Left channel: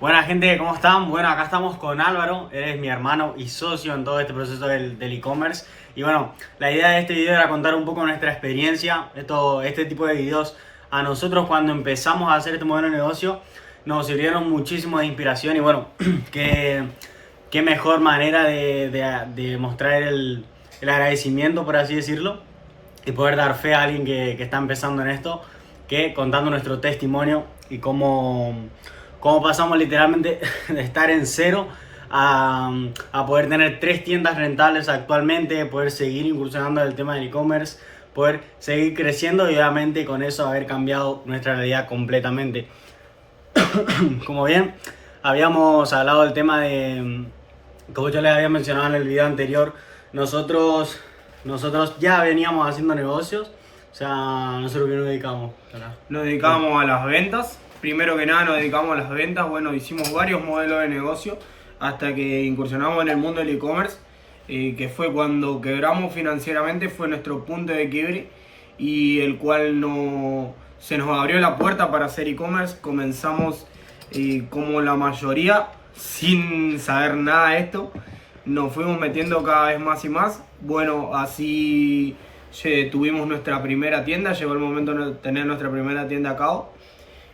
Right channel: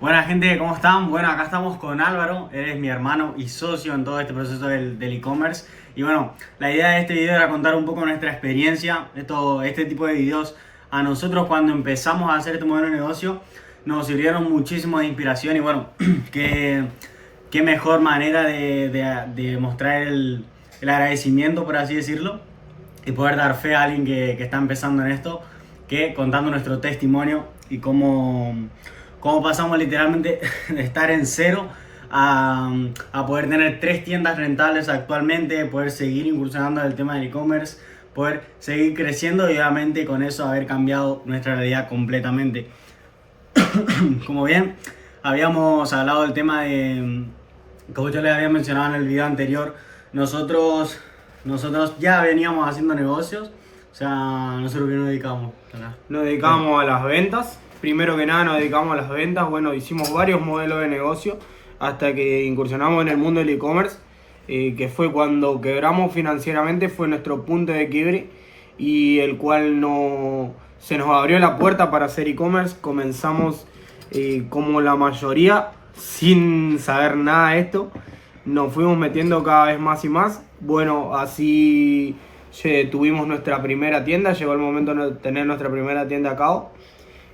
Buena gente, ¿cómo están? Bueno, acá estamos con Álvaro, él es mi hermano y socio en todo este proceso del e-commerce. Y bueno, la idea de este video era contar un poco nuestra experiencia. Este tipo de videos a nosotros cuando empezamos a hacer este modelo de negocio nos sirvieron muchísimo de inspiración y bueno, qué mejor manera de mostrar el agradecimiento, por así decirlo, y poder dar fe a alguien que está empezando en esto, que contando nuestro testimonio y cómo pasamos literalmente de estar en cero a poder tener 3 tiendas rentables actualmente, poder seguir incursionando en el tema del e-commerce, poder seguir creciendo y obviamente con eso haber cambiado nuestra realidad completamente. Como bien habíamos hablado del tema de, como yo les había mencionado en el video anterior, nosotros ya veníamos haciendo negocios, o sea, nosotros que nos dedicamos acá. Nos dedicamos a las ventas. Primero que nada nos dedicamos a las ventas. Bueno, hicimos varios modelos de negocio hasta que incursionamos en el mundo del e-commerce, que fue cuando quebramos financieramente, fue nuestro punto de quiebre y el cual se nos abrió la puerta para hacer e-commerce. Comenzamos como la mayoría sin saber nada de esto. Nos fuimos metiendo cada vez más y más. Bueno, así tuvimos nuestra primera tienda, llegó el momento de tener nuestra primera tienda a cabo,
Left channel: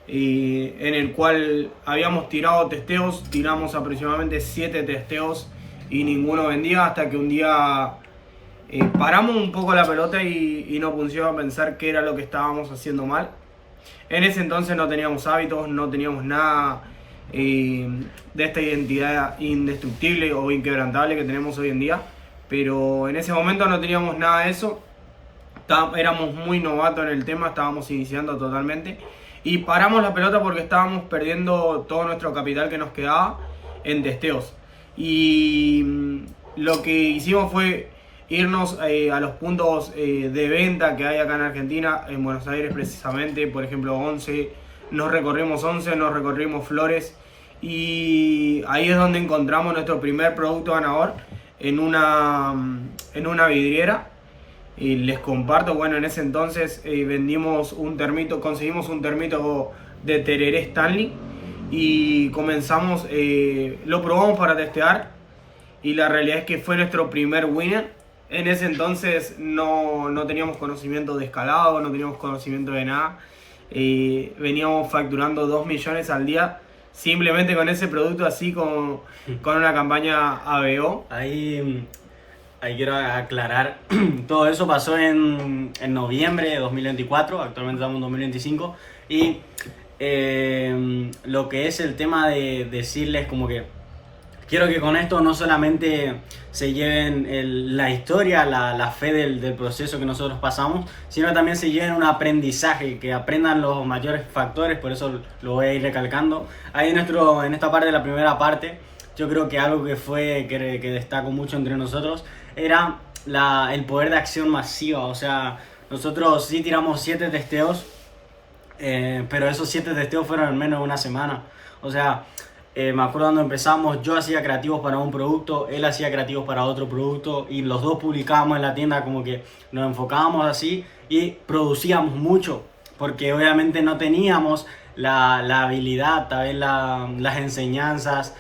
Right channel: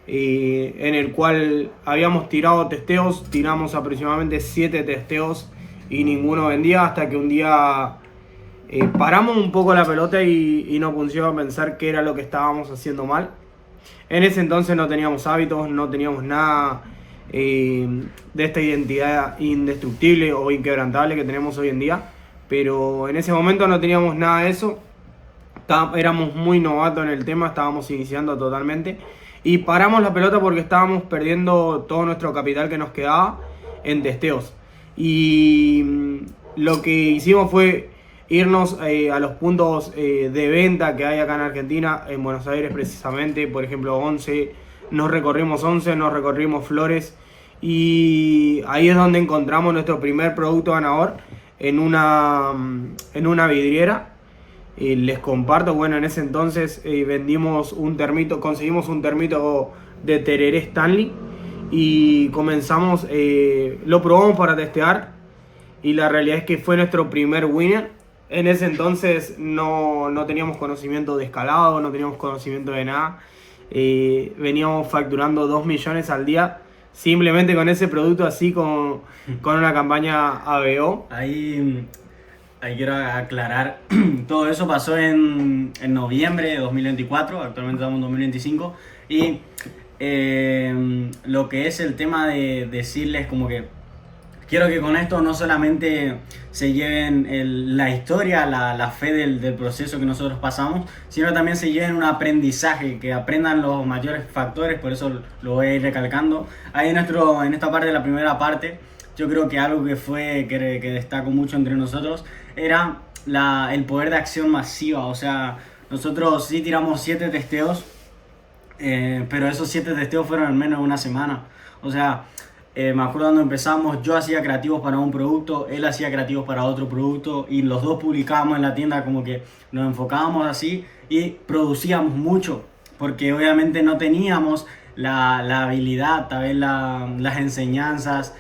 en el cual habíamos tirado testeos, tiramos aproximadamente 7 testeos y ninguno vendía hasta que un día paramos un poco la pelota y nos pusimos a pensar qué era lo que estábamos haciendo mal. En ese entonces no teníamos hábitos, no teníamos nada de esta identidad indestructible o inquebrantable que tenemos hoy en día, pero en ese momento no teníamos nada de eso. Éramos muy novatos en el tema, estábamos iniciando totalmente y paramos la pelota porque estábamos perdiendo todo nuestro capital que nos quedaba en testeos. Y lo que hicimos fue irnos a los puntos de venta que hay acá en Argentina, en Buenos Aires precisamente, por ejemplo 11, nos recorrimos Flores y ahí es donde encontramos nuestro primer producto ganador en una vidriera. Les comparto, bueno, en ese entonces conseguimos un termito de tereré Stanley y comenzamos, lo probamos para testear y la realidad es que fue nuestro primer winner. En ese entonces no teníamos conocimiento de escalado, no teníamos conocimiento de nada, veníamos facturando 2 millones al día simplemente con ese producto, así con una campaña ABO. Ahí quiero aclarar, todo eso pasó en noviembre de 2024, actualmente estamos en 2025, y lo que es el tema de decirles como que quiero que con esto no solamente se lleven la historia, la fe del proceso que nosotros pasamos, sino también se lleven un aprendizaje, que aprendan los mayores factores, por eso lo voy a ir recalcando. Ahí en esta parte de la primera parte, yo creo que algo que destaco mucho entre nosotros era el poder de acción masiva. O sea, nosotros sí tiramos 7 testeos, pero esos 7 testeos fueron en menos de una semana. O sea, me acuerdo cuando empezamos, yo hacía creativos para un producto, él hacía creativos para otro producto y los dos publicábamos en la tienda, como que nos enfocábamos así y producíamos mucho, porque obviamente no teníamos la habilidad, tal vez las enseñanzas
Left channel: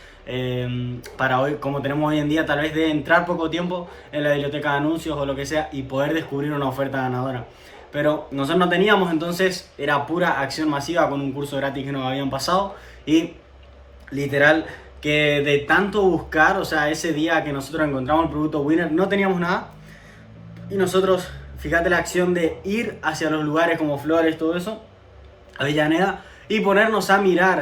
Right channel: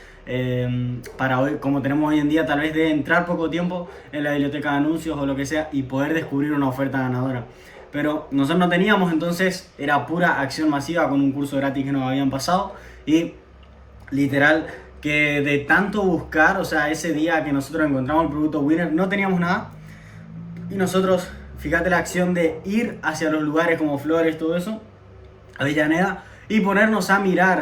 para hoy, como tenemos hoy en día, tal vez de entrar poco tiempo en la biblioteca de anuncios o lo que sea y poder descubrir una oferta ganadora. Pero nosotros no teníamos, entonces era pura acción masiva con un curso gratis que nos habían pasado y literal que de tanto buscar, o sea, ese día que nosotros encontramos el producto winner no teníamos nada y nosotros, fíjate la acción de ir hacia los lugares como Flores, todo eso, Avellaneda, y ponernos a mirar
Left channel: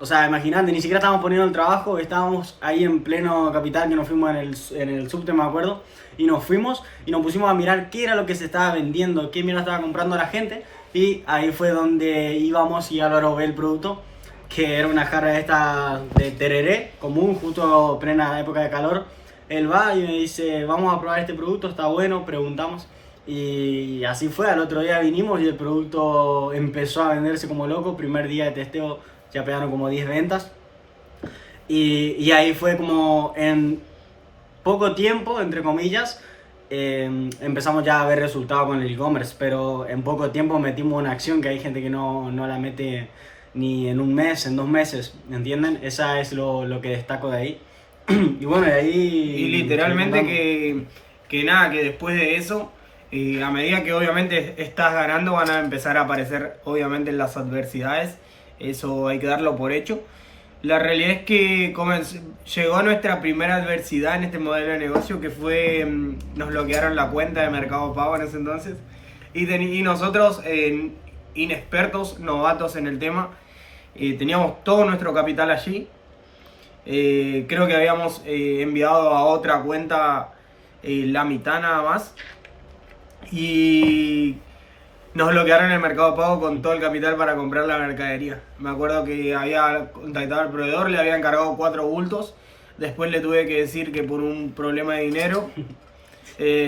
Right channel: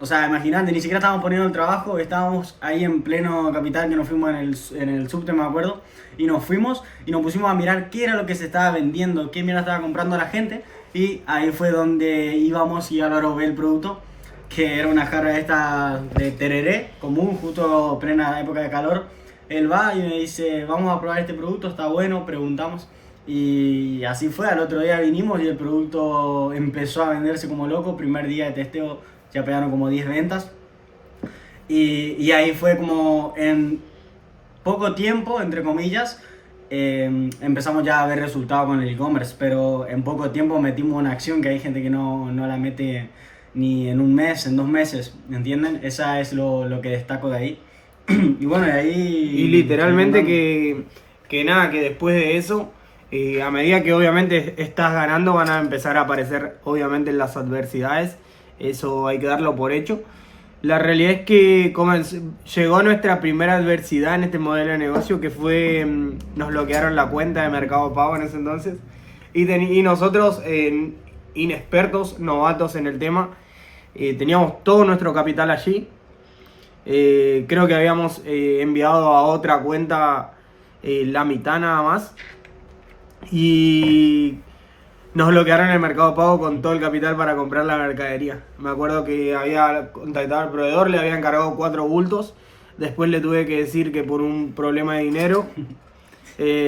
o sea, imagínate, ni siquiera estábamos poniendo el trabajo, estábamos ahí en pleno capital, que nos fuimos en el subte, me acuerdo, y nos fuimos y nos pusimos a mirar qué era lo que se estaba vendiendo, qué mierda estaba comprando la gente, y ahí fue donde íbamos y Álvaro ve el producto, que era una jarra esta de tereré común, justo plena época de calor. Él va y me dice, vamos a probar este producto, está bueno, preguntamos. Y así fue, al otro día vinimos y el producto empezó a venderse como loco. Primer día de testeo ya pegaron como 10 ventas. Y ahí fue como en poco tiempo, entre comillas, empezamos ya a ver resultados con el e-commerce. Pero en poco tiempo metimos una acción que hay gente que no la mete ni en un mes, en 2 meses, ¿entienden? Esa es lo que destaco de ahí. Y bueno, de ahí... Y literalmente que nada, que después de eso, a medida que obviamente estás ganando, van a empezar a aparecer obviamente las adversidades. Eso hay que darlo por hecho. La realidad es que llegó nuestra primera adversidad en este modelo de negocio, que fue, nos bloquearon la cuenta de Mercado Pago en ese entonces. Y nosotros, inexpertos, novatos en el tema, teníamos todo nuestro capital allí. Creo que habíamos enviado a otra cuenta la mitad nada más. Y nos bloquearon el Mercado Pago con todo el capital para comprar la mercadería. Me acuerdo que había contactado al proveedor, le habían cargado 4 bultos. Después le tuve que decir que por un problema de dinero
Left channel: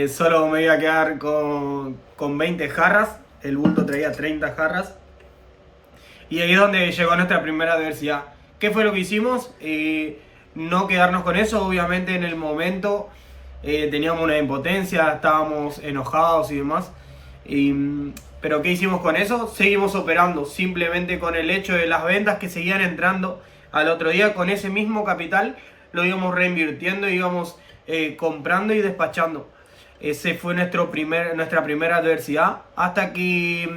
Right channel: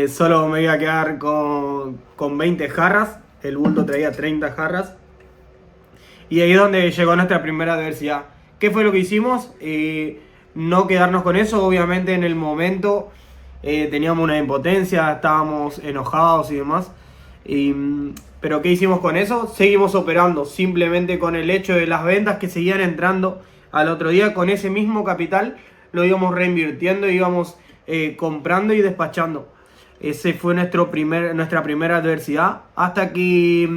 solo me iba a quedar con 20 jarras. El bulto traía 30 jarras. Y ahí es donde llegó nuestra primera adversidad. ¿Qué fue lo que hicimos? No quedarnos con eso. Obviamente en el momento teníamos una impotencia, estábamos enojados y demás. Pero ¿qué hicimos con eso? Seguimos operando simplemente con el hecho de las ventas que seguían entrando al otro día. Con ese mismo capital lo íbamos reinvirtiendo, íbamos comprando y despachando. Ese fue nuestra primera adversidad, hasta que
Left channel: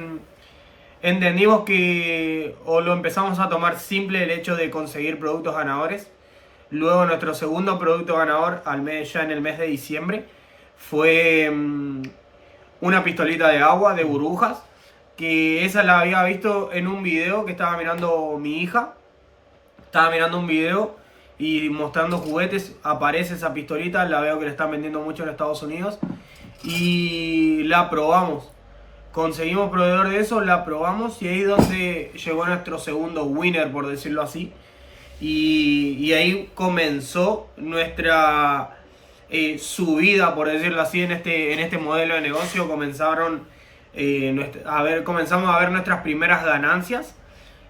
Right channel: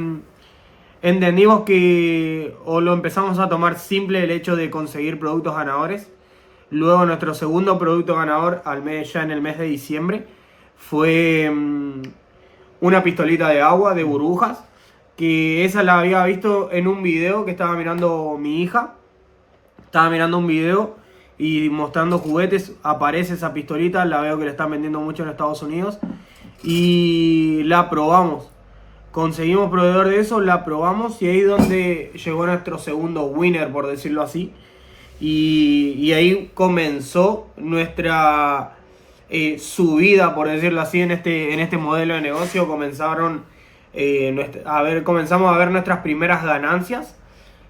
entendimos que o lo empezamos a tomar simple el hecho de conseguir productos ganadores. Luego nuestro segundo producto ganador ya en el mes de diciembre fue una pistolita de agua de burbujas, que esa la había visto en un video que estaba mirando mi hija. Estaba mirando un video y mostrando juguetes, aparece esa pistolita, la veo que la están vendiendo mucho en Estados Unidos y la probamos. Conseguimos proveedor de eso, la probamos y ahí es donde llegó nuestro segundo winner, por decirlo así. Y ahí comenzó nuestra subida, por decirlo así, en este modelo de negocio. Comenzamos a ver nuestras primeras ganancias.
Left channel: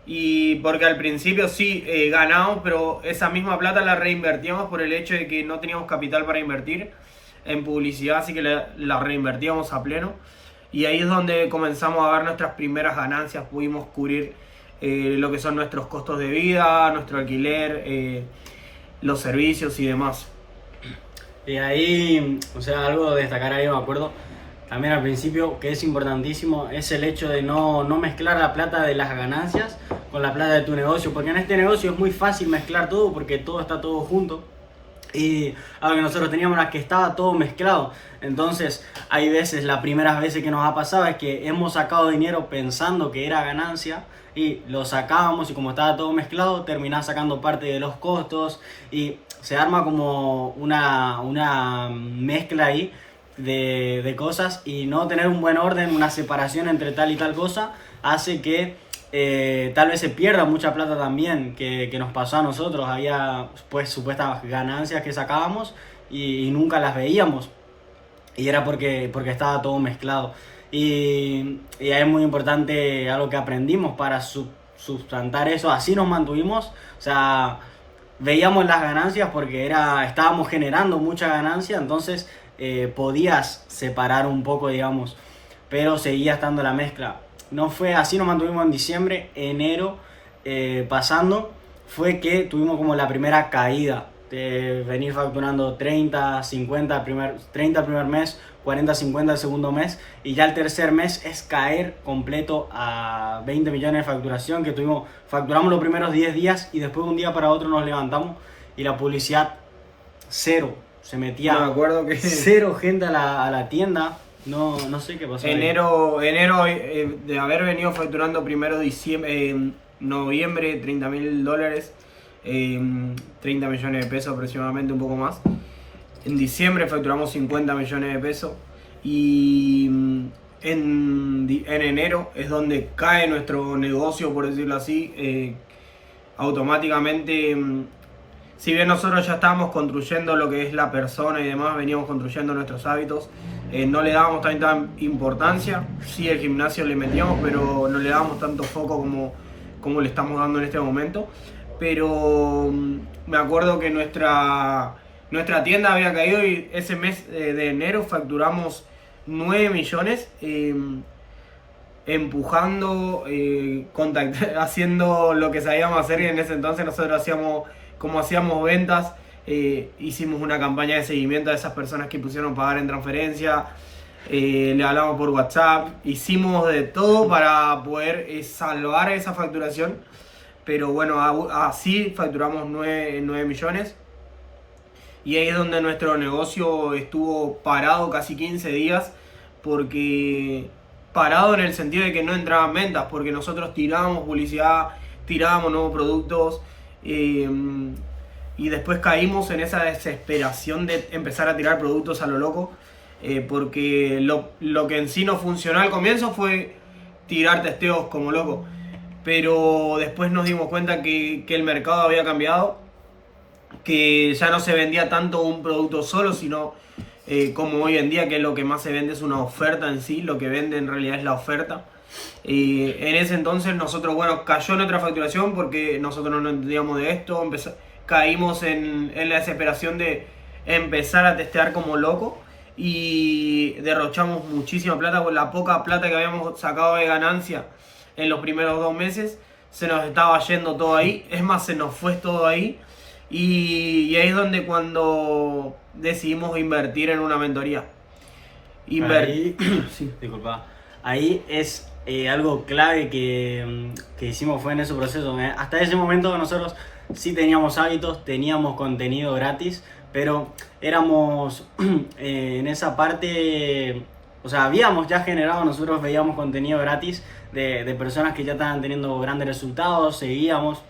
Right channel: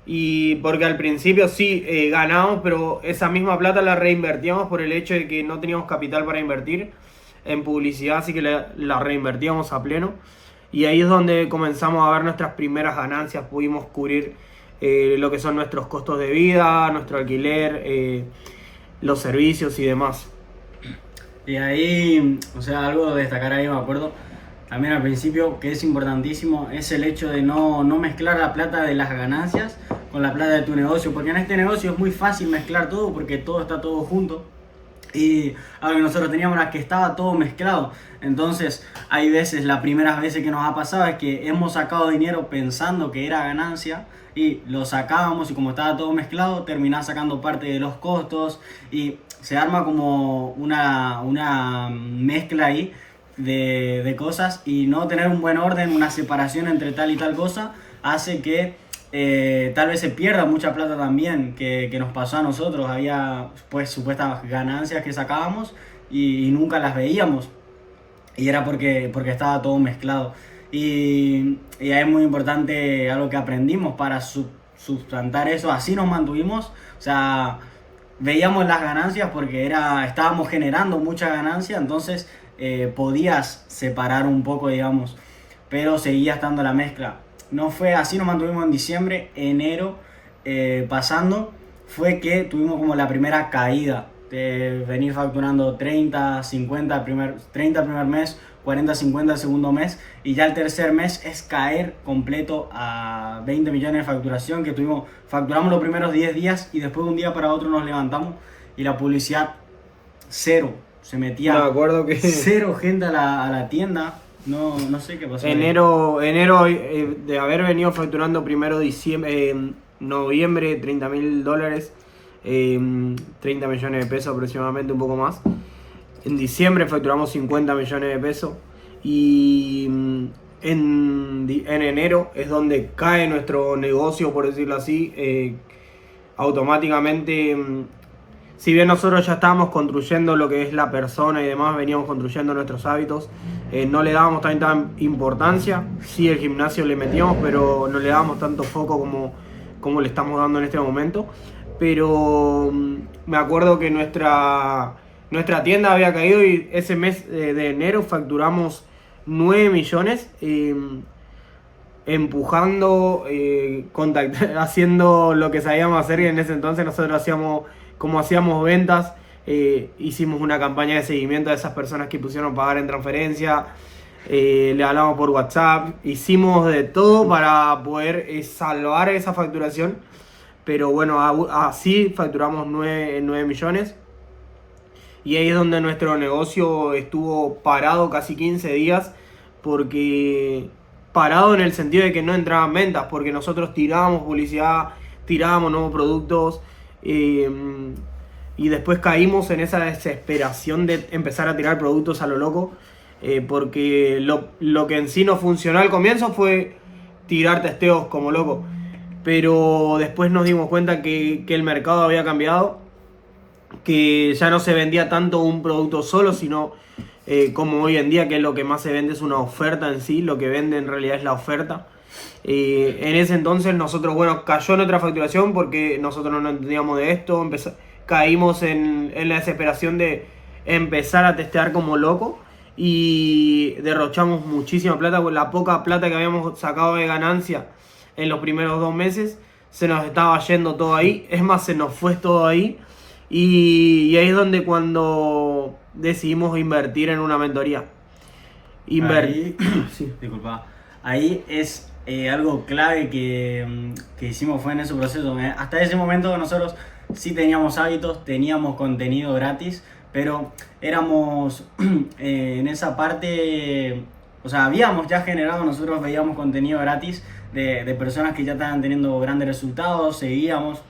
Y porque al principio sí ganamos, pero esa misma plata la reinvertíamos por el hecho de que no teníamos capital para invertir en publicidad, así que la reinvertíamos a pleno. Y ahí es donde comenzamos a ver nuestras primeras ganancias. Pudimos cubrir lo que son nuestros costos de vida, nuestro alquiler, los servicios y demás. Y ahí, o sea, algo de destacar ahí, me acuerdo, también al principio, que es importantísimo, es el hecho de no mezclar la plata de las ganancias con la plata de tu negocio, porque en este negocio es muy fácil mezclar todo, porque todo está todo junto. Y algo que nosotros teníamos era que estaba todo mezclado. Entonces hay veces, las primeras veces que nos ha pasado es que hemos sacado dinero pensando que era ganancia y lo sacábamos, y como estaba todo mezclado terminás sacando parte de los costos y se arma como una mezcla ahí de cosas, y no tener un buen orden, una separación entre tal y tal cosa hace que tal vez se pierda mucha plata también, que nos pasó a nosotros. Había pues supuestas ganancias que sacábamos y nunca las veíamos, y era porque estaba todo mezclado. Y ahí es muy importante algo que aprendimos para sustentar eso. Así nos mantuvimos, o sea, veíamos las ganancias porque estábamos generando mucha ganancia, entonces podías separar un poco, digamos, pero seguía estando la mezcla. No fue así, nos mantuvimos en diciembre. Enero pasando fue que tuvimos como la primera caída de venir facturando 30, 50 30 el primer mes, 40, 50 el segundo mes, y ya el tercer mes es caer completo a 20 millones de facturación, que facturamos los primeros 10 días y después de un día para otro nos levantamos y la publicidad cero, se metía cero gente a la tienda. No sé qué pasó. Enero de haber venido facturando primero noviembre $30,000, 30 millones de pesos aproximadamente, un poco más. En diciembre facturamos 50 millones de pesos y en enero es donde cae nuestro negocio, por decirlo así, automáticamente. Si bien nosotros ya estábamos construyendo lo que es la persona y demás, veníamos construyendo nuestros hábitos, no le dábamos tanta importancia. Sí, el gimnasio le metíamos, pero no le dábamos tanto foco como le estamos dando en este momento. Pero me acuerdo que nuestra tienda había caído y ese mes de enero facturamos 9 millones. 9 millones de pesos aproximadamente, un poco más. En diciembre facturamos 50 millones de pesos y en enero es donde cae nuestro negocio, por decirlo así, automáticamente. Si bien nosotros ya estábamos construyendo lo que es la persona y demás, veníamos construyendo nuestros hábitos, no le dábamos tanta importancia. Sí, el gimnasio le metíamos, pero no le dábamos tanto foco como le estamos dando en este momento. Pero me acuerdo que nuestra tienda había caído y ese mes de enero facturamos empujando, haciendo lo que sabíamos hacer, y en ese entonces nosotros hacíamos ventas, hicimos una campaña de seguimiento a esas personas que pusieron pagar en transferencia, le hablamos por WhatsApp, hicimos de todo para poder salvar esa facturación, pero bueno, así facturamos 9 millones. Y ahí es donde nuestro negocio estuvo parado casi 15 días, porque parado en el sentido de que no entraban ventas, porque nosotros tirábamos publicidad, tirábamos nuevos productos, y después caímos en esa desesperación de empezar a tirar productos a lo loco, porque lo que en sí no funcionó al comienzo fue tirar testeos como loco, pero después nos dimos cuenta que el mercado había cambiado, que ya no se vendía tanto un producto solo, sino como hoy en día, que lo que más se vende es una oferta en sí, lo que vende en realidad es la oferta. En ese entonces nosotros, bueno, cayó nuestra facturación porque nosotros no entendíamos de esto, caímos en la desesperación de empezar a testear como loco y derrochamos muchísima plata, con la poca plata que habíamos sacado de ganancia en los primeros 2 meses, se nos estaba yendo todo ahí, es más, se nos fue todo ahí. Y ahí es donde cuando decidimos invertir en una mentoría. Ahí, Sí. disculpa, ahí es algo clave que hicimos fue en ese proceso. Hasta ese momento nosotros sí teníamos hábitos, teníamos contenido gratis, pero éramos en esa parte, o sea, habíamos ya generado, nosotros veíamos contenido gratis de personas que ya estaban teniendo grandes resultados, seguíamos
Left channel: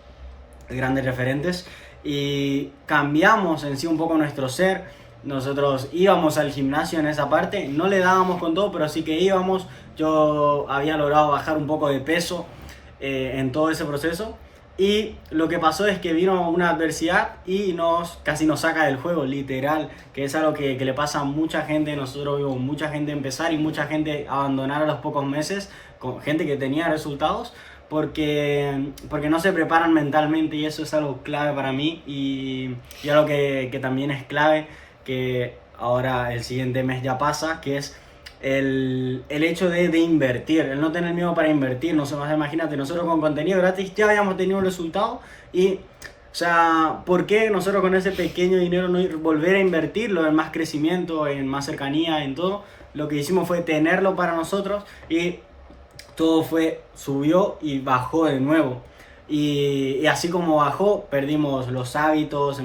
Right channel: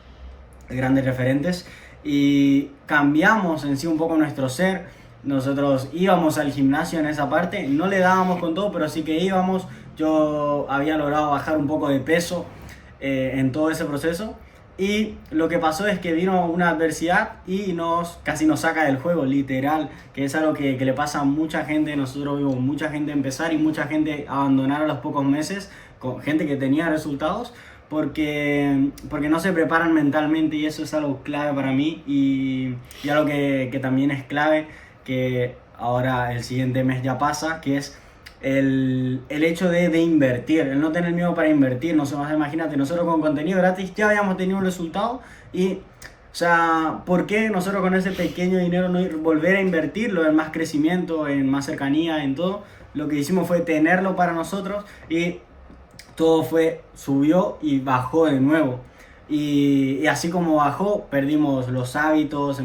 grandes referentes. Y cambiamos en sí un poco nuestro ser. Nosotros íbamos al gimnasio en esa parte, no le dábamos con todo, pero sí que íbamos. Yo había logrado bajar un poco de peso en todo ese proceso. Y lo que pasó es que vino una adversidad y casi nos saca del juego, literal, que es algo que le pasa a mucha gente. Nosotros vimos mucha gente empezar y mucha gente abandonar a los pocos meses, con gente que tenía resultados, porque no se preparan mentalmente, y eso es algo clave para mí, y algo que también es clave, que ahora el siguiente mes ya pasa, que es el hecho de invertir, el no tener miedo para invertir. No sé, más imagínate, nosotros con contenido gratis ya habíamos tenido un resultado, y o sea, ¿por qué nosotros con ese pequeño dinero no volver a invertirlo en más crecimiento, en más cercanía, en todo? Lo que hicimos fue tenerlo para nosotros, y todo subió y bajó de nuevo. Y así como bajó, perdimos los hábitos,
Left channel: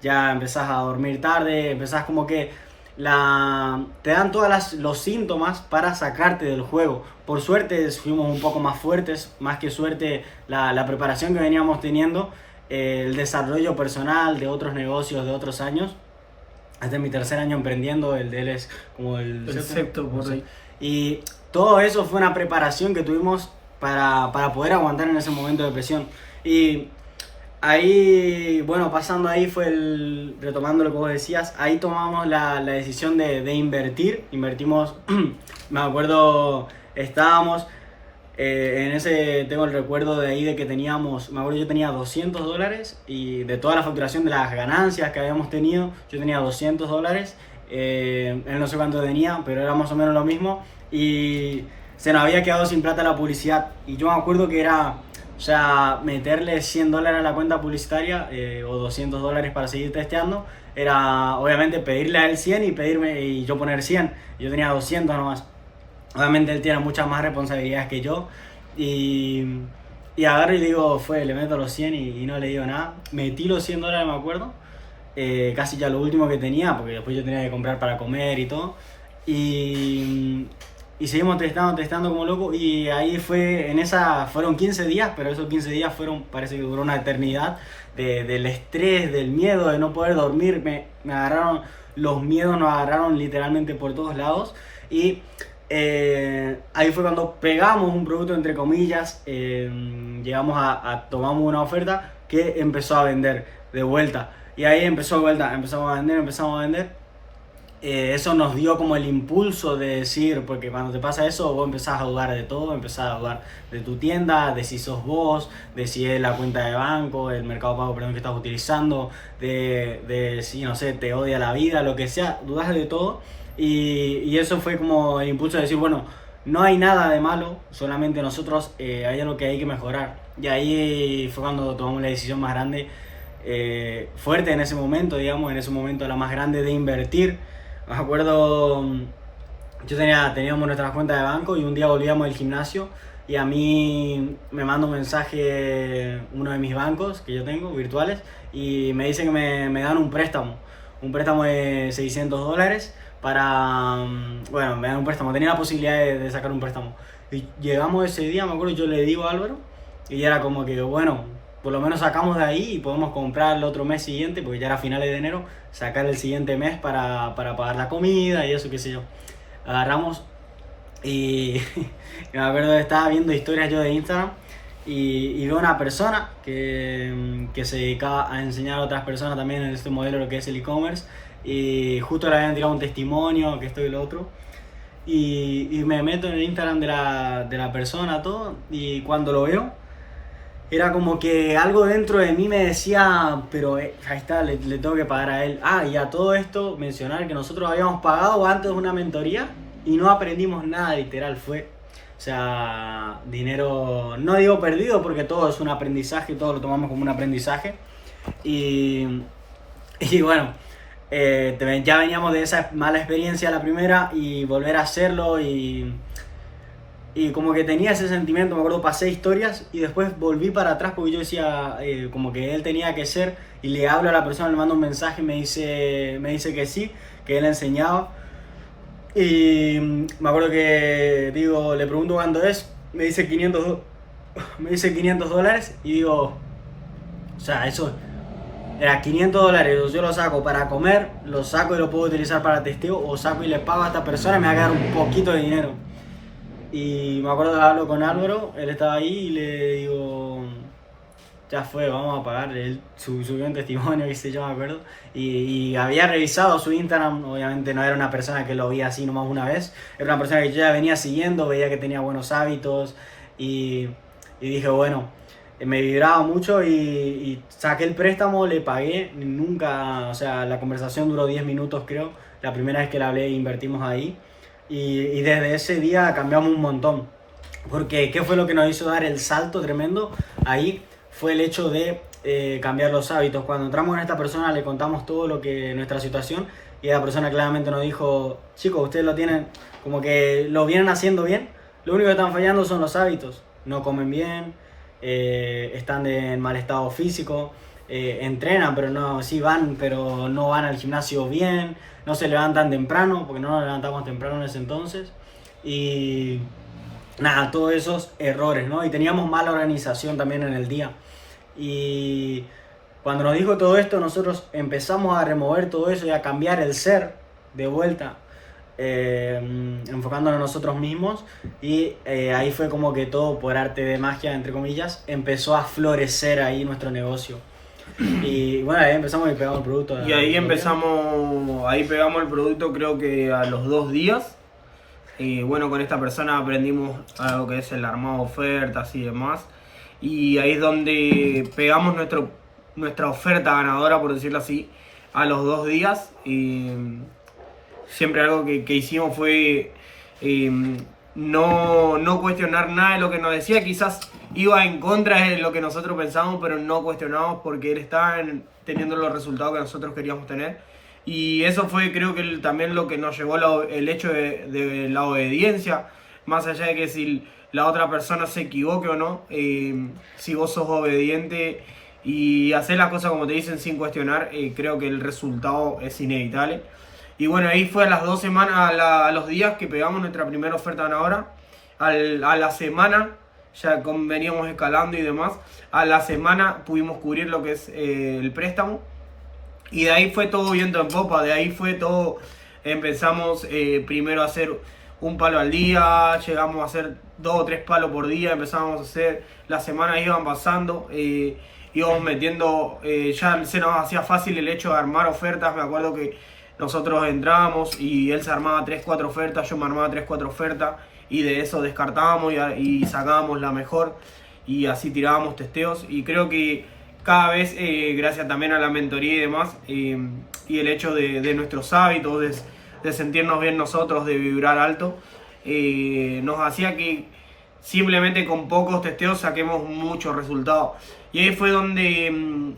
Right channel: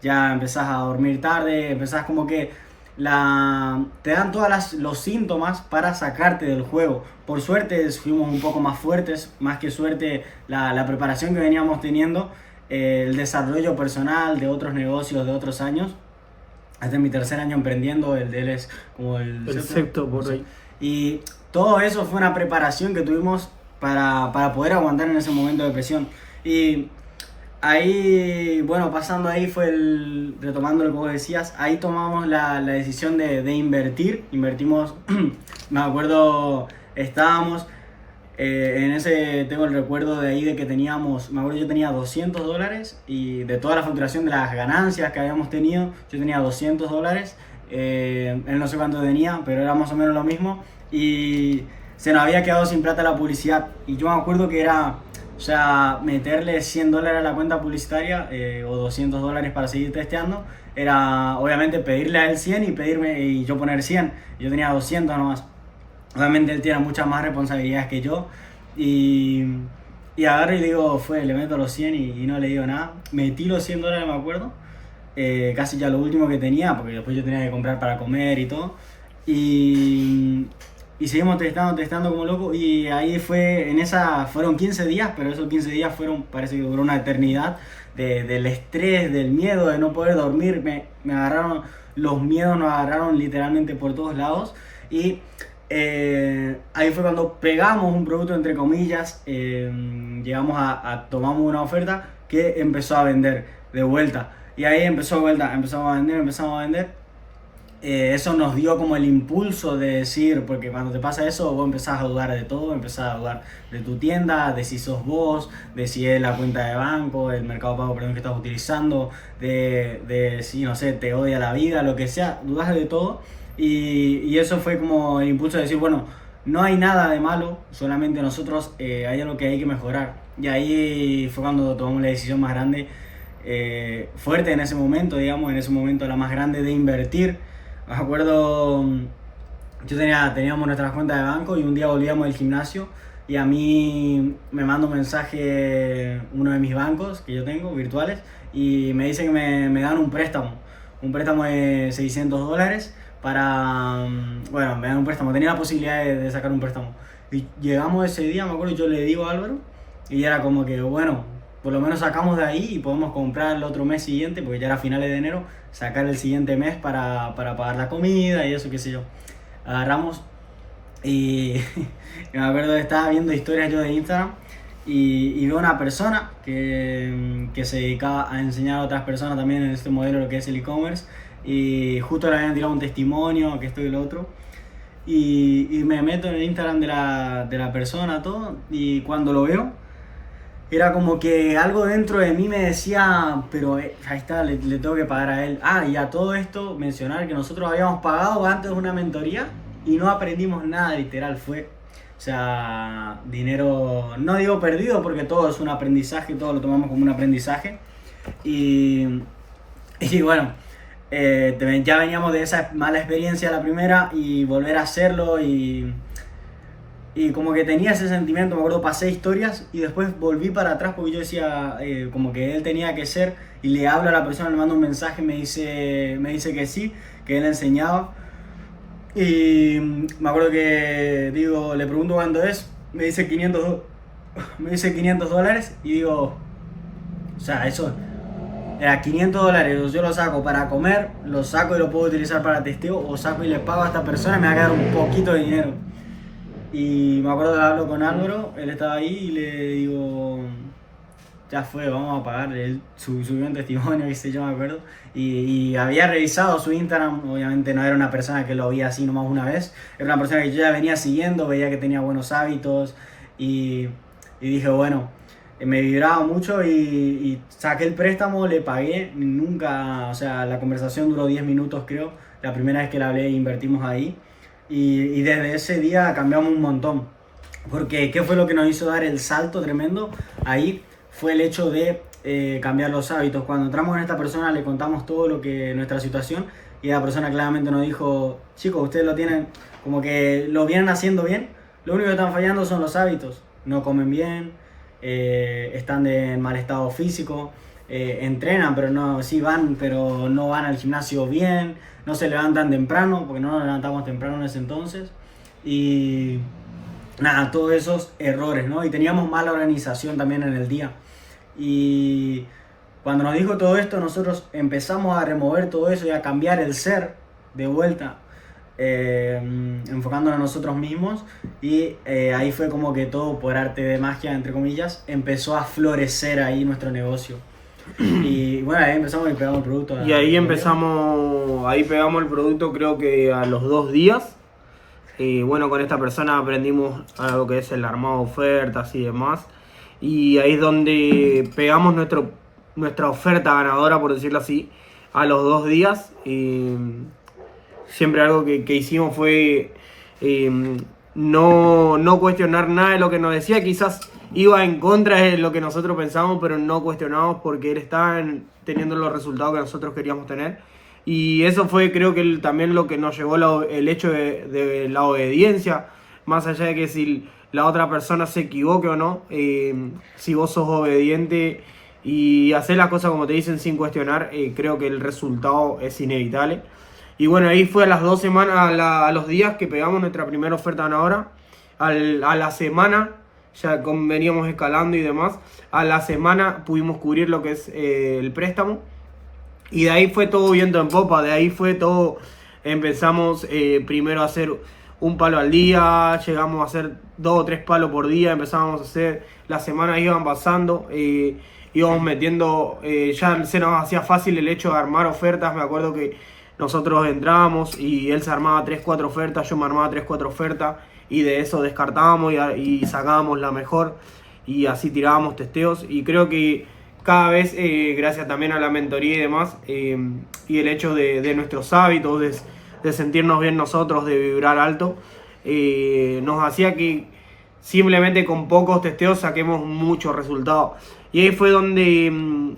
ya empezás a dormir tarde, empezás como que te dan todos los síntomas para sacarte del juego. Por suerte fuimos un poco más fuertes, más que suerte la preparación que veníamos teniendo, el desarrollo personal de otros negocios de otros años. Este es mi 3er año emprendiendo, el de él es como el sexto, por ahí. Y todo eso fue una preparación que tuvimos para poder aguantar en ese momento de presión. Y ahí, bueno, pasando ahí retomando lo que vos decías, ahí tomamos la decisión de invertir. Invertimos, me acuerdo, estábamos tengo el recuerdo de ahí de que teníamos, me acuerdo, yo tenía $200, y de toda la facturación de las ganancias que habíamos tenido, yo tenía $200. Él no sé cuánto tenía, pero era más o menos lo mismo, y se nos había quedado sin plata la publicidad. Y yo me acuerdo que era, o sea, meterle $100 a la cuenta publicitaria, o $200 para seguir testeando, era obviamente pedirle a él 100 y yo poner 100. Yo tenía 200 nomás. Obviamente él tiene muchas más responsabilidades que yo, y agarro y digo, le meto los 100 y no le digo nada. Metí los $100, me acuerdo, casi ya lo último que tenía, porque después yo tenía que comprar para comer y todo. Y seguimos testando como loco, y ahí fueron 15 días, pero esos 15 días parece que duró una eternidad, del estrés, del miedo, de no poder dormir. Me agarraron, los miedos nos agarraron literalmente por todos lados, y ahí fue cuando pegamos un producto, entre comillas, llegamos tomamos una oferta que empezó a vender de vuelta, y ahí empezamos a vender. Eso nos dio como el impulso de decir, porque cuando te pasa eso, vos empezás a dudar de todo, empezás a dudar de tu tienda, de si sos vos, de si es la cuenta de banco, el mercado pago, perdón, que estás utilizando, de si, no sé, te odia la vida, lo que sea, dudas de todo. Y eso fue como el impulso de decir, bueno, no hay nada de malo, solamente nosotros hay algo que hay que mejorar. Y ahí fue cuando tomamos la decisión más grande, fuerte en ese momento, digamos, en ese momento la más grande de invertir. Me acuerdo, teníamos nuestras cuentas de banco y un día volvíamos del gimnasio y a mí me manda un mensaje uno de mis bancos que yo tengo, virtuales, y me dice que me dan un préstamo de $600 para, bueno, me dan un préstamo, tenía la posibilidad de sacar un préstamo. Y llegamos ese día, me acuerdo, yo le digo a Álvaro, y era como que, bueno, por lo menos sacamos de ahí y podemos comprar el otro mes siguiente, porque ya era finales de enero, sacar el siguiente mes para pagar la comida y eso, qué sé yo. Agarramos y me acuerdo que estaba viendo historias yo de Instagram y veo una persona que se dedicaba a enseñar a otras personas también en este modelo lo que es el e-commerce, y justo le habían tirado un testimonio, que esto y lo otro, y me meto en el Instagram de la persona, todo, y cuando lo veo, era como que algo dentro de mí me decía, pero ahí está, le tengo que pagar a él. Ah, y a todo esto mencionar que nosotros habíamos pagado antes una mentoría y no aprendimos nada, literal, fue, o sea, dinero, no digo perdido porque todo es un aprendizaje, todo lo tomamos como un aprendizaje. Y, y bueno, ya veníamos de esa mala experiencia la primera y volver a hacerlo y como que tenía ese sentimiento, me acuerdo, pasé historias y después volví para atrás porque yo decía como que él tenía que ser, y le hablo a la persona, le mando un mensaje, me dice que sí, que él enseñaba. Y me acuerdo que digo, le pregunto cuánto es, me dice $500 y digo, o sea, eso era $500, yo lo saco para comer, lo saco y lo puedo utilizar para testeo, o saco y le pago a esta persona y me va a quedar un poquito de dinero. Y me acuerdo que hablo con Álvaro, él estaba ahí y le digo, ya fue, vamos a pagar. Él subió un testimonio, qué sé yo, me acuerdo. Y había revisado su Instagram, obviamente no era una persona que lo veía así nomás una vez, era una persona que yo ya venía siguiendo, veía que tenía buenos hábitos y dije, bueno, me vibraba mucho y saqué el préstamo, le pagué, nunca, o sea, la conversación duró 10 minutos creo, la primera vez que le hablé invertimos ahí. Y desde ese día cambiamos un montón. Porque ¿qué fue lo que nos hizo dar el salto tremendo? Ahí fue el hecho de cambiar los hábitos. Cuando entramos en esta persona le contamos todo lo que nuestra situación, y la persona claramente nos dijo, chicos, ustedes lo tienen, como que lo vienen haciendo bien, lo único que están fallando son los hábitos. No comen bien, están en mal estado físico, entrenan, pero no, sí van, pero no van al gimnasio bien, no se levantan temprano, porque no nos levantamos temprano en ese entonces. Y nada, todos esos errores, ¿no? Y teníamos mala organización también en el día. Y cuando nos dijo todo esto, nosotros empezamos a remover todo eso y a cambiar el ser de vuelta, enfocándonos en nosotros mismos. Y ahí fue como que todo, por arte de magia, entre comillas, empezó a florecer ahí nuestro negocio. Y bueno, ahí empezamos y pegamos el producto. Y ahí pegamos el producto creo que a los 2 días. Y bueno, con esta persona aprendimos algo que es el armado de ofertas y demás. Y ahí es donde pegamos nuestra oferta ganadora, por decirlo así, a los 2 días. Y siempre algo que hicimos fue no cuestionar nada de lo que nos decía. Quizás iba en contra de lo que nosotros pensamos, pero no cuestionamos porque él estaba teniendo los resultados que nosotros queríamos tener. Y eso fue, creo que también lo que nos llevó el hecho de la obediencia, más allá de que si la otra persona se equivoque o no, si vos sos obediente y haces las cosas como te dicen sin cuestionar, creo que el resultado es inevitable. Y bueno, ahí fue a las 2 semanas, a los días que pegamos nuestra primera oferta ganadora. A la semana ya veníamos escalando y demás. A la semana pudimos cubrir lo que es el préstamo. Y de ahí fue todo viento en popa, de ahí fue todo. Empezamos primero a hacer un palo al día, llegamos a hacer 2 o 3 palos por día, empezamos a hacer, las semanas iban pasando, íbamos metiendo, ya se nos hacía fácil el hecho de armar ofertas. Me acuerdo que nosotros entrábamos y él se armaba 3-4 ofertas, yo me armaba 3-4 ofertas, y de eso descartábamos y sacábamos la mejor, y así tirábamos testeos. Y creo que cada vez, gracias también a la mentoría y demás, y el hecho de nuestros hábitos, de sentirnos bien nosotros, de vibrar alto, nos hacía que simplemente con pocos testeos saquemos muchos resultados. Y ahí fue donde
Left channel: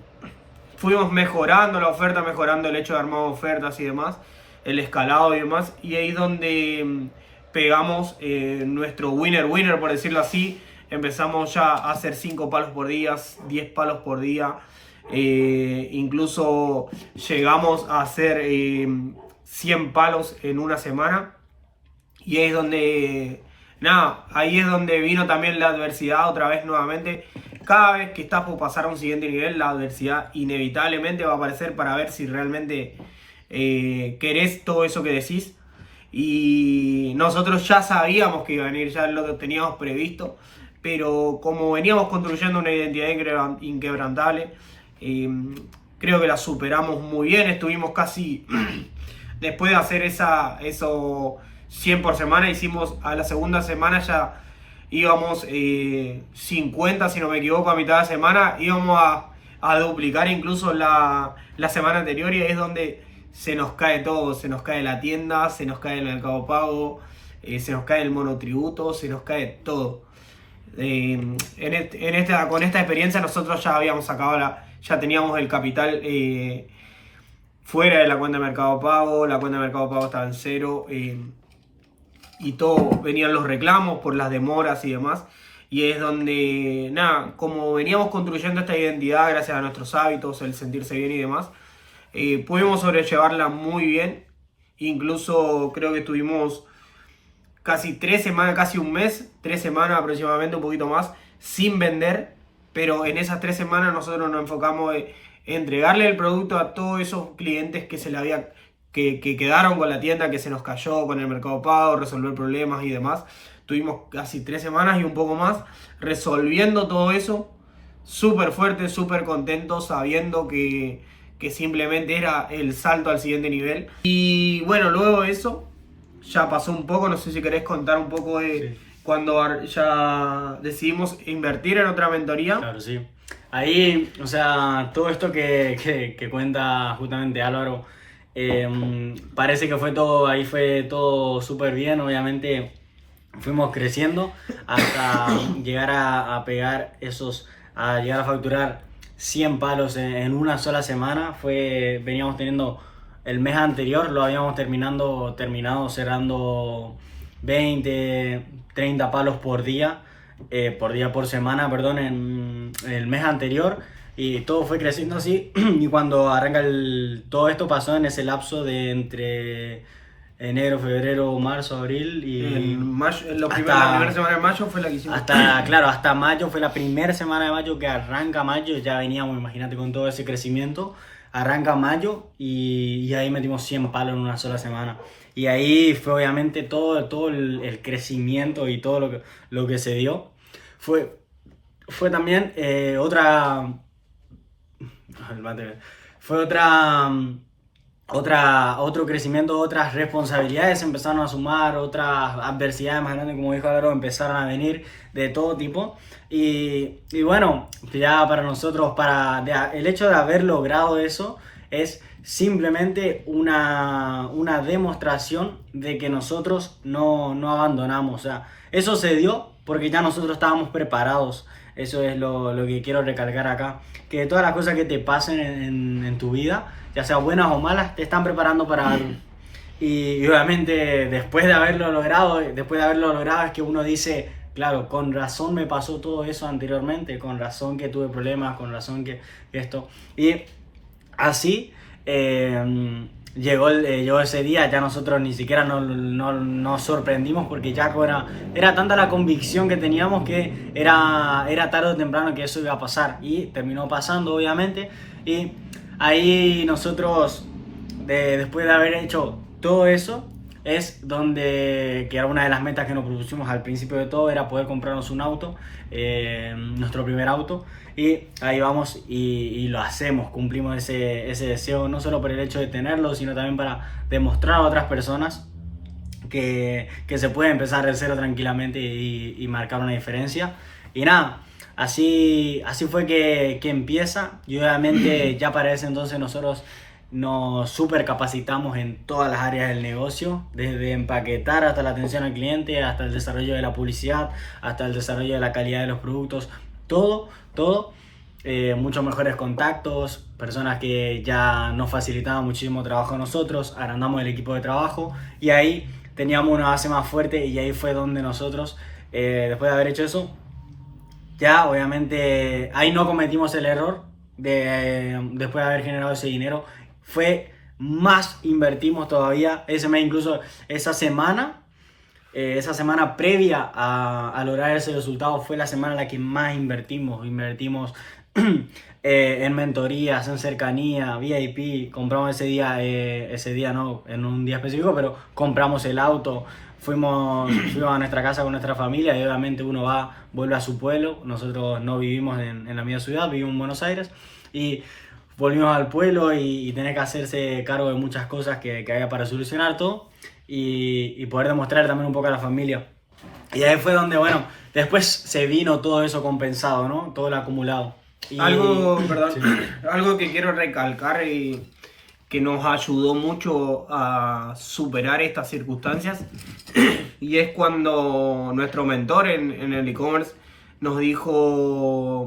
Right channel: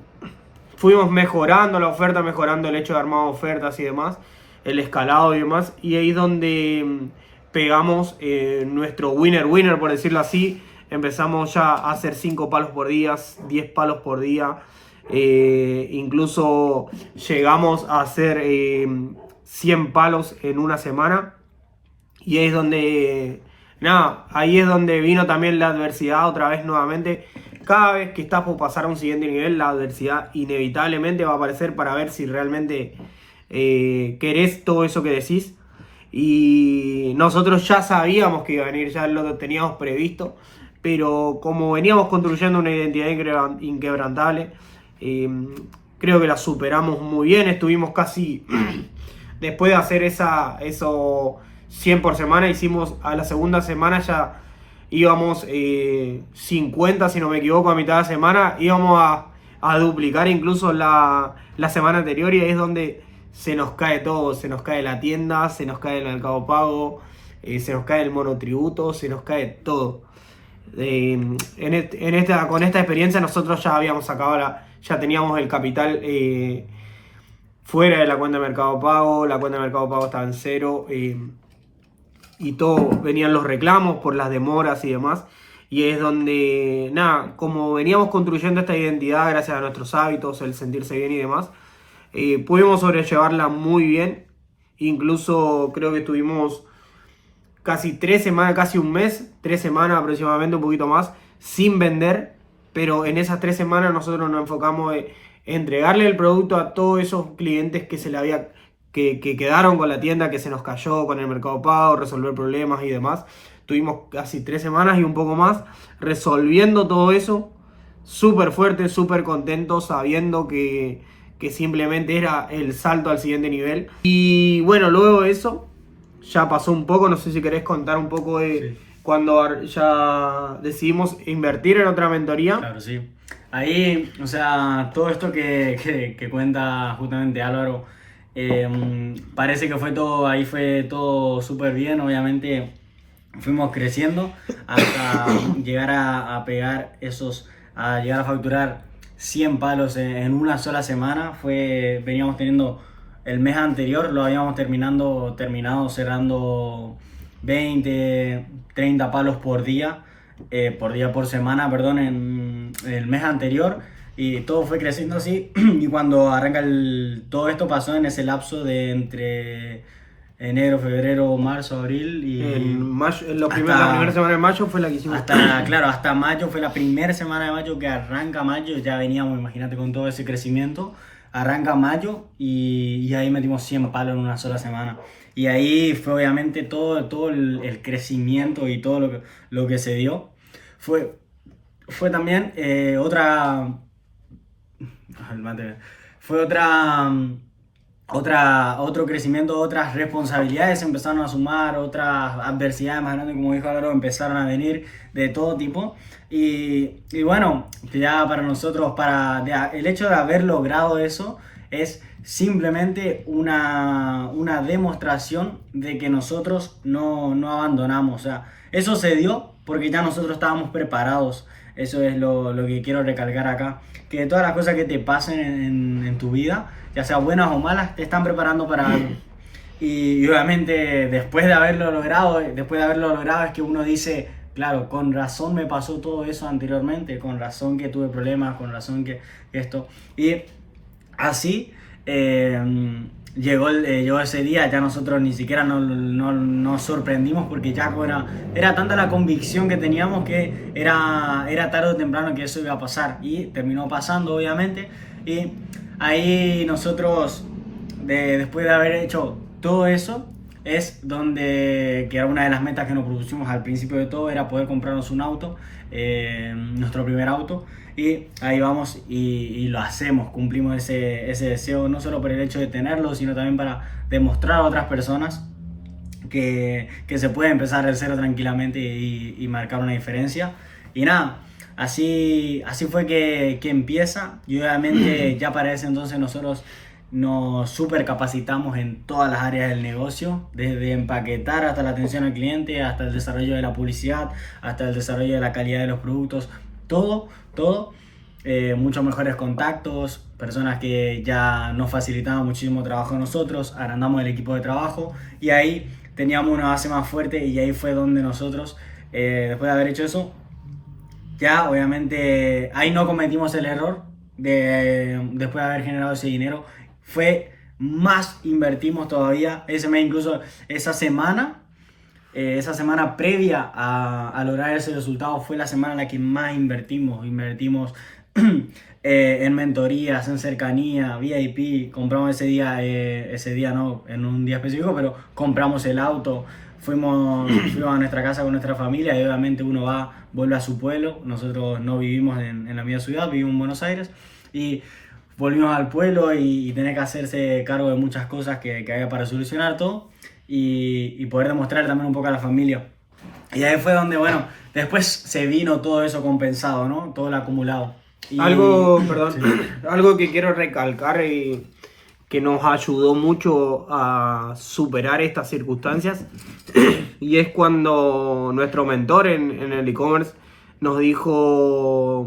fuimos mejorando la oferta, mejorando el hecho de armar ofertas y demás, el escalado y demás. Y ahí es donde pegamos nuestro winner, por decirlo así. Empezamos ya a hacer 5 palos por día, 10 palos por día. Incluso llegamos a hacer 100 palos en una semana. Y ahí es donde, ahí es donde vino también la adversidad otra vez nuevamente. Cada vez que estás por pasar a un siguiente nivel, la adversidad inevitablemente va a aparecer para ver si realmente querés todo eso que decís. Y nosotros ya sabíamos que iba a venir, ya lo teníamos previsto. Pero como veníamos construyendo una identidad inquebrantable, creo que la superamos muy bien. Estuvimos casi, después de hacer eso 100 por semana, hicimos a la segunda semana ya íbamos 50, si no me equivoco, a mitad de semana. Íbamos a duplicar incluso la semana anterior, y ahí es donde se nos cae todo. Se nos cae la tienda, se nos cae el mercado pago, se nos cae el monotributo, se nos cae todo. Con esta experiencia nosotros ya habíamos sacado ya teníamos el capital fuera de la cuenta de Mercado Pago. La cuenta de Mercado Pago estaba en cero, y todo, venían los reclamos por las demoras y demás. Y es donde, como veníamos construyendo esta identidad gracias a nuestros hábitos, el sentirse bien y demás, pudimos sobrellevarla muy bien. Incluso creo que estuvimos casi 3 semanas, casi un mes, 3 semanas aproximadamente, un poquito más, sin vender. Pero en esas 3 semanas nosotros nos enfocamos en entregarle el producto a todos esos clientes que quedaron con la tienda, que se nos cayó con el Mercado Pago, resolver problemas y demás. Tuvimos casi 3 semanas y un poco más resolviendo todo eso, súper fuerte, súper contento, sabiendo que simplemente era el salto al siguiente nivel. Y bueno, luego de eso ya pasó un poco. No sé si querés contar un poco de cuando ya decidimos invertir en otra mentoría. Claro, sí. Ahí, o sea, todo esto que cuenta justamente Álvaro, parece que fue todo súper bien. Obviamente fuimos creciendo hasta llegar a llegar a facturar 100 palos en una sola semana. Veníamos teniendo el mes anterior, lo habíamos terminado cerrando 20, 30 palos por por semana, perdón, en el mes anterior. Y todo fue creciendo así. Y cuando arranca todo esto pasó en ese lapso de entre enero, febrero, marzo, abril y la primera semana de mayo fue la que hicimos. Hasta mayo, fue la primera semana de mayo que arranca mayo. Ya veníamos, imagínate, con todo ese crecimiento. Arranca mayo y ahí metimos 100 palos en una sola semana. Y ahí fue obviamente todo el crecimiento y todo lo que se dio. Fue también otro crecimiento, otras responsabilidades empezaron a sumar, otras adversidades más grandes, como dijo Álvaro, empezaron a venir de todo tipo. Y bueno, ya para nosotros, el hecho de haber logrado eso es simplemente una demostración de que nosotros no abandonamos. O sea, eso se dio porque ya nosotros estábamos preparados. Eso es lo que quiero recalcar acá. Que todas las cosas que te pasen en tu vida, ya sean buenas o malas, te están preparando para algo. Y obviamente después de haberlo logrado es que uno dice, claro, con razón me pasó todo eso anteriormente, con razón que tuve problemas, con razón que esto. Y así llegó ese día. Ya nosotros ni siquiera nos sorprendimos, porque ya era tanta la convicción que teníamos que era tarde o temprano que eso iba a pasar. Y terminó pasando, obviamente. Y ahí nosotros, después de haber hecho todo eso, es donde, que era una de las metas que nos propusimos al principio de todo, era poder comprarnos un auto, nuestro primer auto. Y ahí vamos y lo hacemos, cumplimos ese deseo, no solo por el hecho de tenerlo, sino también para demostrar a otras personas que se puede empezar de cero tranquilamente y marcar una diferencia. Y nada, así fue que empieza. Y obviamente ya para ese entonces nosotros nos super capacitamos en todas las áreas del negocio, desde empaquetar hasta la atención al cliente, hasta el desarrollo de la publicidad, hasta el desarrollo de la calidad de los productos, todo. Muchos mejores contactos, personas que ya nos facilitaban muchísimo trabajo a nosotros, agrandamos el equipo de trabajo y ahí teníamos una base más fuerte y ahí fue donde nosotros, después de haber hecho eso, ya obviamente ahí no cometimos el error después de haber generado ese dinero, fue más invertimos todavía, ese mes incluso esa semana previa a lograr ese resultado fue la semana en la que más invertimos en mentorías, en cercanía, VIP, compramos ese día no, en un día específico, pero compramos el auto, fuimos a nuestra casa con nuestra familia y obviamente uno vuelve a su pueblo, nosotros no vivimos en la misma ciudad, vivimos en Buenos Aires y volvimos al pueblo y tenés que hacerse cargo de muchas cosas que haya para solucionar todo y poder demostrar también un poco a la familia. Y ahí fue donde, bueno, después se vino todo eso compensado, ¿no? Todo lo acumulado. Algo Sí. que quiero recalcar y que nos ayudó mucho a superar estas circunstancias y es cuando nuestro mentor en el e-commerce nos dijo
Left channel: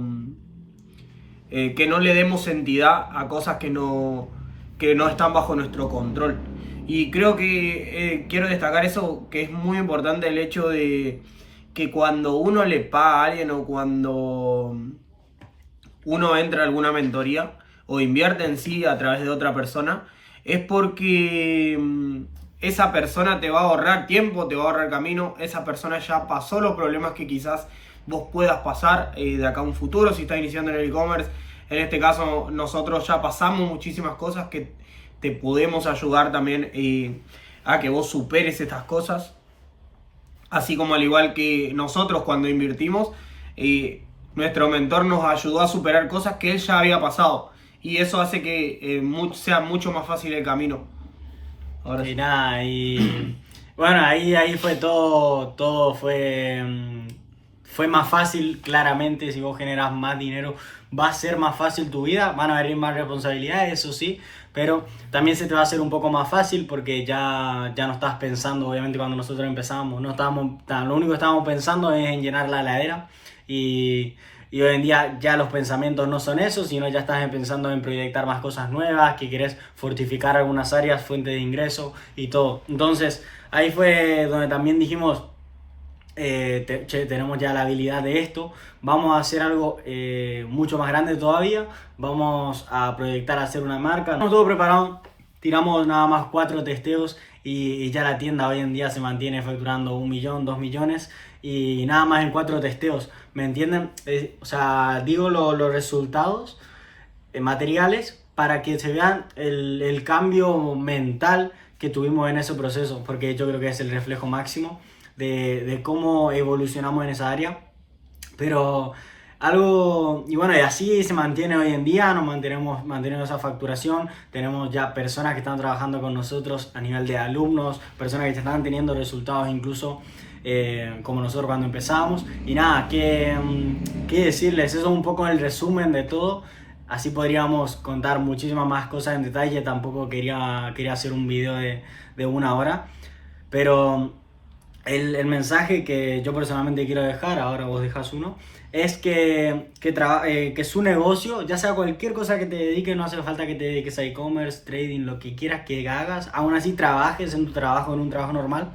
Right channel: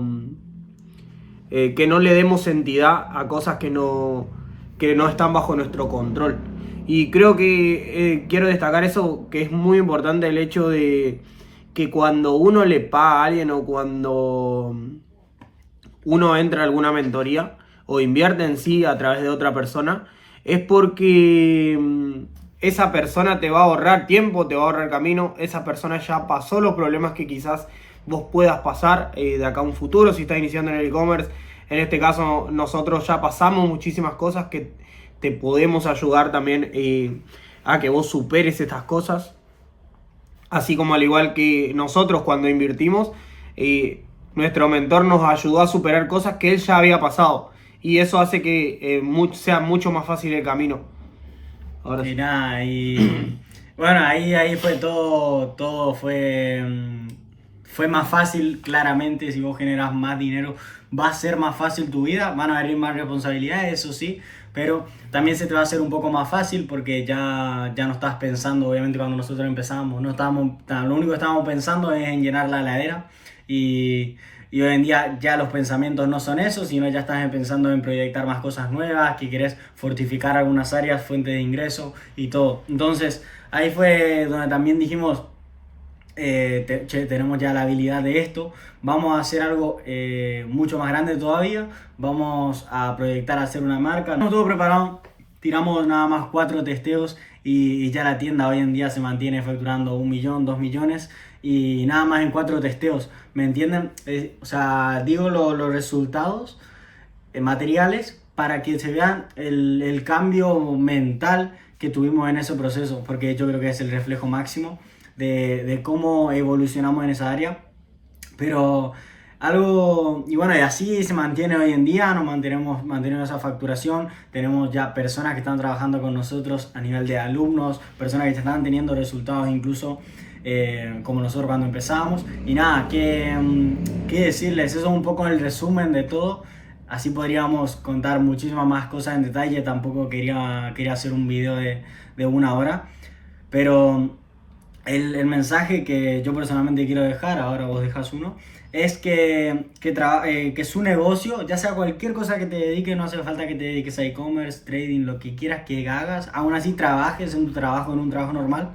que no le demos entidad a cosas que no están bajo nuestro control. Y creo que quiero destacar eso, que es muy importante el hecho de que cuando uno le paga a alguien o cuando uno entra a alguna mentoría o invierte en sí a través de otra persona, es porque esa persona te va a ahorrar tiempo, te va a ahorrar camino, esa persona ya pasó los problemas que quizás vos puedas pasar de acá a un futuro si estás iniciando en el e-commerce. En este caso nosotros ya pasamos muchísimas cosas que te podemos ayudar también a que vos superes estas cosas. Así como al igual que nosotros cuando invertimos, nuestro mentor nos ayudó a superar cosas que él ya había pasado. Y eso hace que sea mucho más fácil el camino. Ahora sí. Nada, y bueno, ahí fue todo fue más fácil, claramente, si vos generas más dinero, va a ser más fácil tu vida, van a venir más responsabilidades, eso sí, pero también se te va a hacer un poco más fácil porque ya no estás pensando, obviamente cuando nosotros empezamos, lo único que estábamos pensando es en llenar la heladera y hoy en día ya los pensamientos no son esos, sino ya estás pensando en proyectar más cosas nuevas, que querés fortificar algunas áreas, fuentes de ingreso y todo. Entonces ahí fue donde también dijimos, tenemos ya la habilidad de esto, vamos a hacer algo mucho más grande todavía, vamos a proyectar a hacer una marca. Estamos todo preparado, tiramos nada más 4 testeos y ya la tienda hoy en día se mantiene facturando 1 millón, 2 millones y nada más en 4 testeos, ¿me entienden? O sea, digo los resultados materiales para que se vean el cambio mental que tuvimos en ese proceso, porque yo creo que es el reflejo máximo de cómo evolucionamos en esa área. Pero y bueno, y así se mantiene hoy en día, nos manteniendo esa facturación, tenemos ya personas que están trabajando con nosotros a nivel de alumnos, personas que están teniendo resultados incluso como nosotros cuando empezamos. Y nada, ¿qué decirles? Eso es un poco el resumen de todo. Así podríamos contar muchísimas más cosas en detalle, tampoco quería hacer un video de 1 hora, pero el mensaje que yo personalmente quiero dejar, ahora vos dejas uno, es que su negocio, ya sea cualquier cosa que te dediques, no hace falta que te dediques a e-commerce, trading, lo que quieras que hagas, aún así trabajes en un trabajo normal,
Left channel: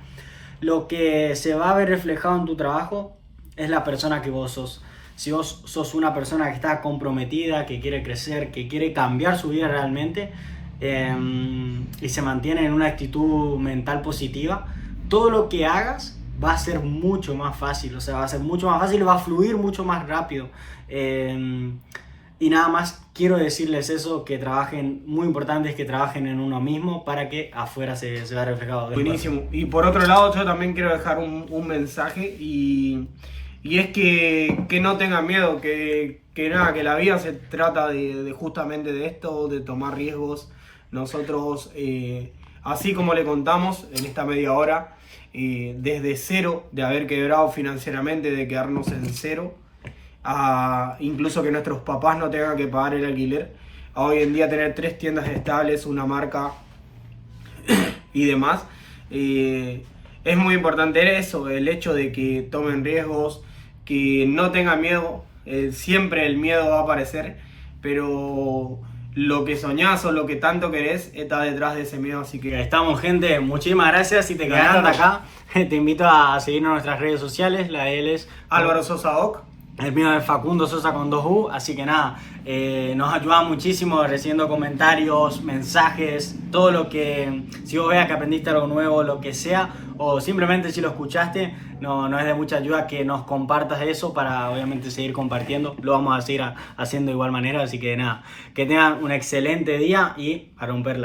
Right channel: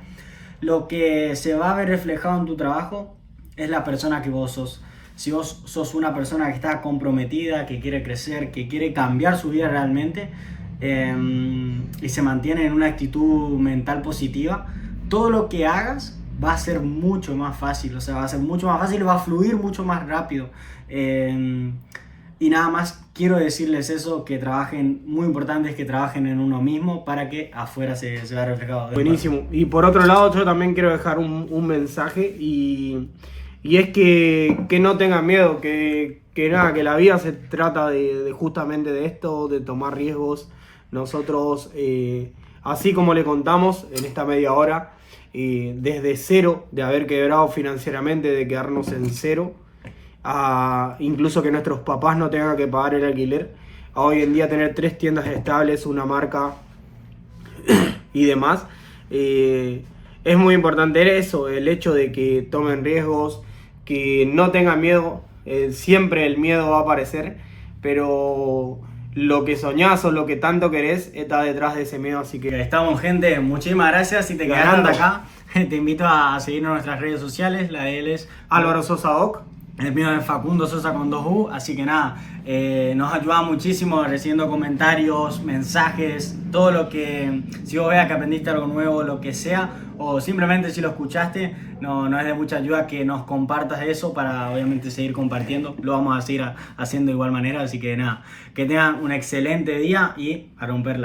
lo que se va a ver reflejado en tu trabajo es la persona que vos sos. Si vos sos una persona que está comprometida, que quiere crecer, que quiere cambiar su vida realmente y se mantiene en una actitud mental positiva, todo lo que hagas va a ser mucho más fácil, o sea, va a ser mucho más fácil, va a fluir mucho más rápido. Y nada más quiero decirles eso, que trabajen, muy importante es que trabajen en uno mismo para que afuera se vea reflejado. Buenísimo. Y por otro lado, yo también quiero dejar un mensaje y es que no tengan miedo, que la vida se trata de justamente de esto, de tomar riesgos. Nosotros, así como le contamos en esta media hora, desde cero, de haber quebrado financieramente, de quedarnos en cero, a incluso que nuestros papás no tengan que pagar el alquiler, a hoy en día tener 3 tiendas estables, una marca y demás. Es muy importante eso, el hecho de que tomen riesgos, que no tengan miedo. Siempre el miedo va a aparecer, pero lo que soñás o lo que tanto querés está detrás de ese miedo, así que Estamos, gente, muchísimas gracias. Si te quedaste hasta acá, te invito a seguirnos en nuestras redes sociales. La de él es Álvaro Sosa Doc. el mío es Facundo Sosa con 2U, así que nada, nos ayuda muchísimo recibiendo comentarios, mensajes, todo lo que, si vos veas que aprendiste algo nuevo, lo que sea, o simplemente si lo escuchaste, no es de mucha ayuda que nos compartas eso para obviamente seguir compartiendo, lo vamos a seguir haciendo de igual manera, así que nada, que tengan un excelente día y a romperla.